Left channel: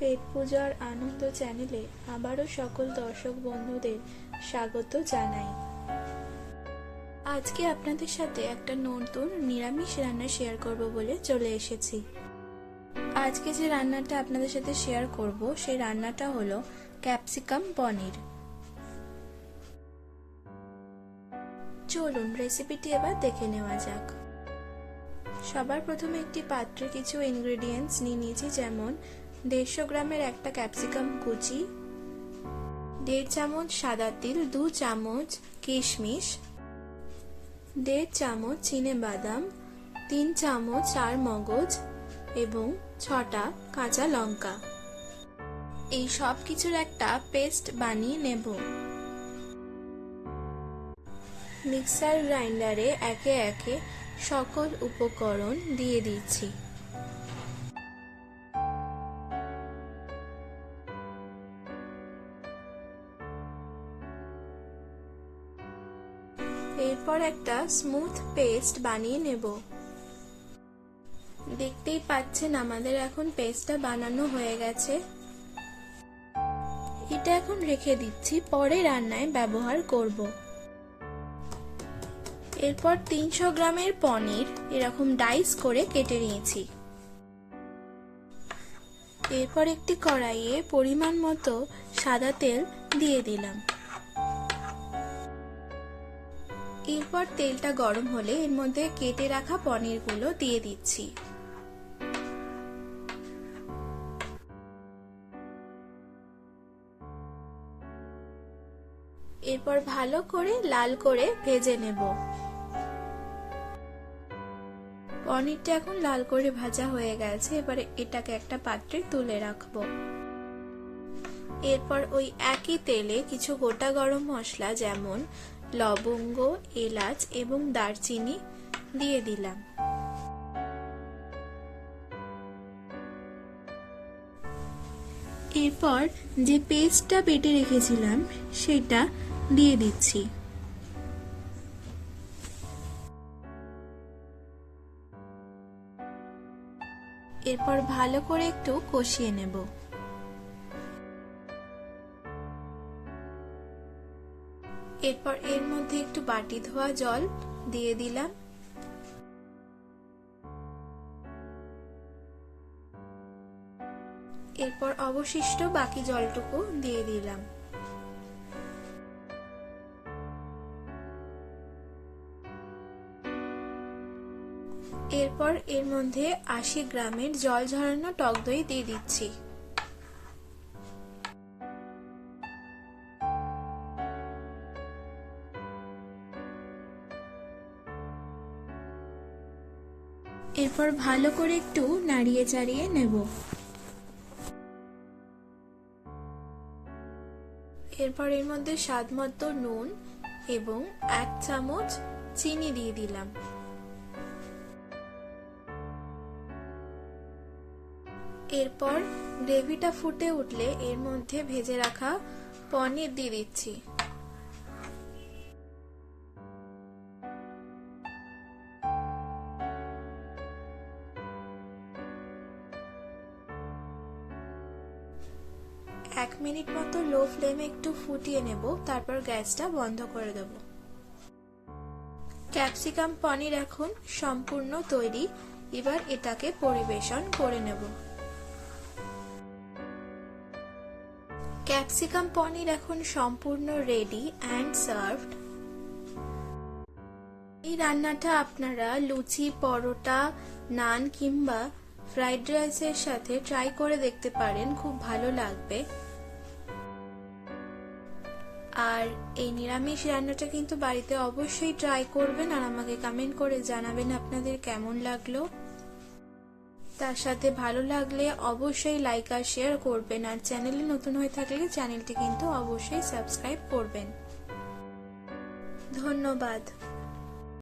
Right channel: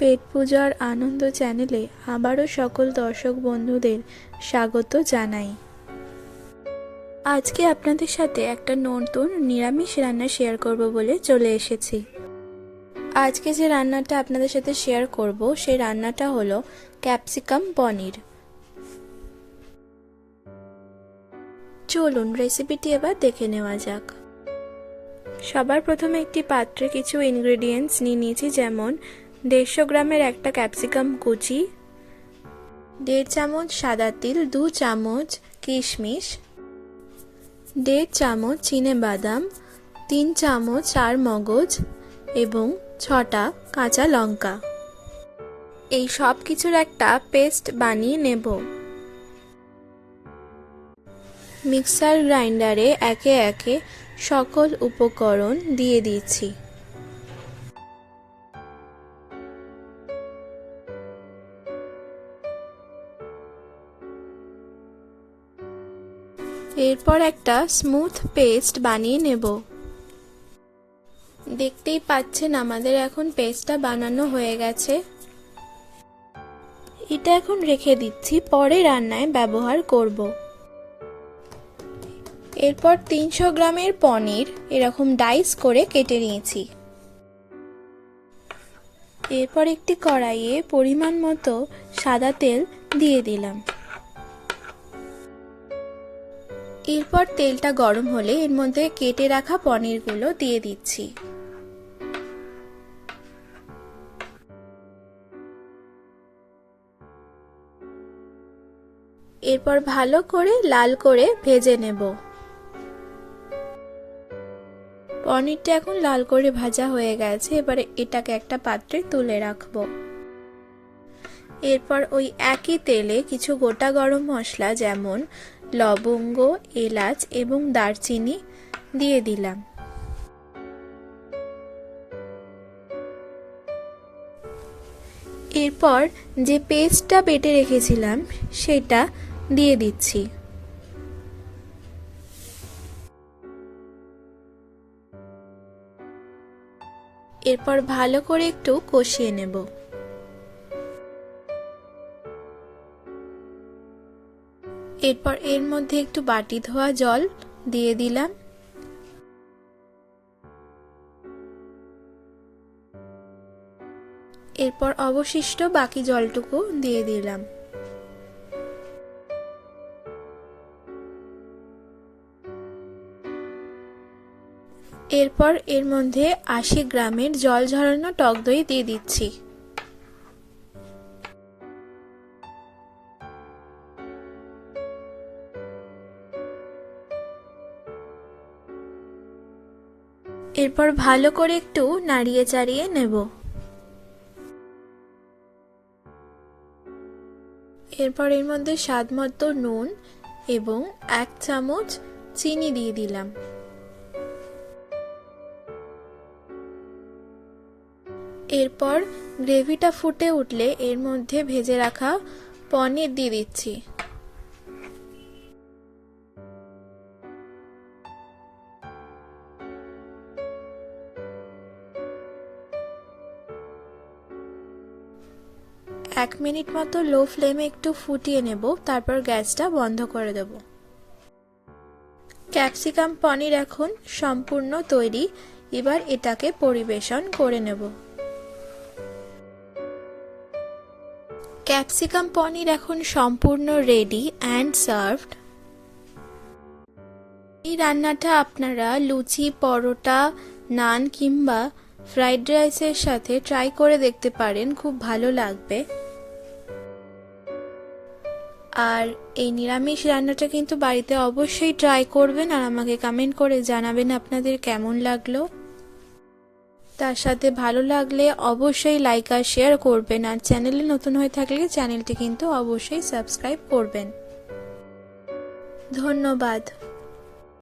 পেট পূজার আনন্দ চ্যানেলে আবারও সকল দর্শক বন্ধুদের স্বাগত জানাই। আজকে আপনাদের সাথে একটা নতুন নিরামিষ রান্না শেয়ার করব বলে চলে এসেছি। আজকে যে রান্নাটা আপনাদের সাথে শেয়ার করব সেই রান্নাটা হলো ক্যাপসিকাম পনির। চলুন রেসিপিটি এবার দেখে নেওয়া যাক। সবার প্রথমে একটি পাত্রে কিছু ইনগ্রেডিয়েন্টস নিয়েছি, যেমন 150 গ্রামের একটা ক্যাপসিকাম কুচি, 1.5 চামচ সাদা তিল, 2 চামচ কিশমিশ, 1.5 চামচ চিনেবাদাম, 3 চামচ চারমগজ এবং 6টা কাঁচা লঙ্কা। এই সব কিছুর একটা পেস্ট বানিয়ে নেব। মিক্সার গ্রাইন্ডারে একে একে সকল উপকরণ দিয়ে দিচ্ছি। এরপর একটা স্মুথ পেস্ট বানিয়ে নেব। দেখতেই পাচ্ছেন আমাদের এখন পেস্টটা বানানো হয়ে গেছে। এটা এখন রেখে দিচ্ছি, পরে রান্নায় ব্যবহার করব। এরপর 300 গ্রামের পনির এরকম ডাইস করে কেটে নিয়েছি। এরপর একটি কড়াইয়ে পরিমাণ মতো সাদা তেল দিয়ে দিলাম। এরপর তেলটা গরম হলে এর মধ্যে কেটে রাখা পনিরগুলো দিয়ে দিচ্ছি। এরপর ভালো করে লাল করে ভেজে নেব। পনিরটা এখন লাল করে ভাজা হয়ে গেছে, এবারে এটাকে একটা পাত্রে তুলে রাখবো। এরপর ওই একই তেলে কিছু গোটা গরম মশলা যেমন লবঙ্গ, এলাচ এবং দারচিনি দিয়ে দিলাম। এরপর যে পেস্টটা বেটে রেখেছিলাম সেটা দিয়ে দিচ্ছি। এরপর ভালো করে একটু কষিয়ে নেব। এরপর এর মধ্যে একটু বাটি ধোয়া জল দিয়ে দিলাম। এরপর অবশিষ্ট বাকি জলটুকু দিয়ে দিলাম। এরপর এর মধ্যে 80 গ্রামের জল ঝরানো টক দই দিয়ে দিচ্ছি। এরপর ভালো করে একটু নাড়িয়ে চাড়িয়ে নেব। এরপর এর মধ্যে স্বাদ মতো নুন এবং 1 চামচ চিনি দিয়ে দিলাম। এরপর গ্রেভিটা ফুটে উঠলে এর মধ্যে ভেজে রাখা পনির দিয়ে দিচ্ছি। এক মিনিট মতো লো ফ্লেমে একটু ফুটিয়ে নেব, তারপর গ্যাসটা বন্ধ করে দেব। ক্যাপসিকাম পনির এখন সম্পূর্ণ তৈরি, এবার এটাকে পরিবেশন করে নেব। ক্যাপসিকাম পনির এখন সম্পূর্ণ রেডি অ্যান্ড সার্ভড। এই রান্নাটা আপনারা লুচি, পরোটা, নান কিংবা ফ্রাইড রাইসের সাথে ট্রাই করে দেখতে পারেন, খুব ভালো লাগবে। আর এই নিরামিষ রান্নাটা কিন্তু বাড়িতে অবশ্যই ট্রাই করবেন আর আমাকে কমেন্ট করে জানাবেন আপনাদের কেমন লাগলো। তার সাথে ভালো লাগলে অবশ্যই লাইক আর শেয়ার করবেন, আর চ্যানেলে নতুন হয়ে থাকলে চ্যানেলটি কিন্তু অবশ্যই সাবস্ক্রাইব করবেন। ধন্যবাদ।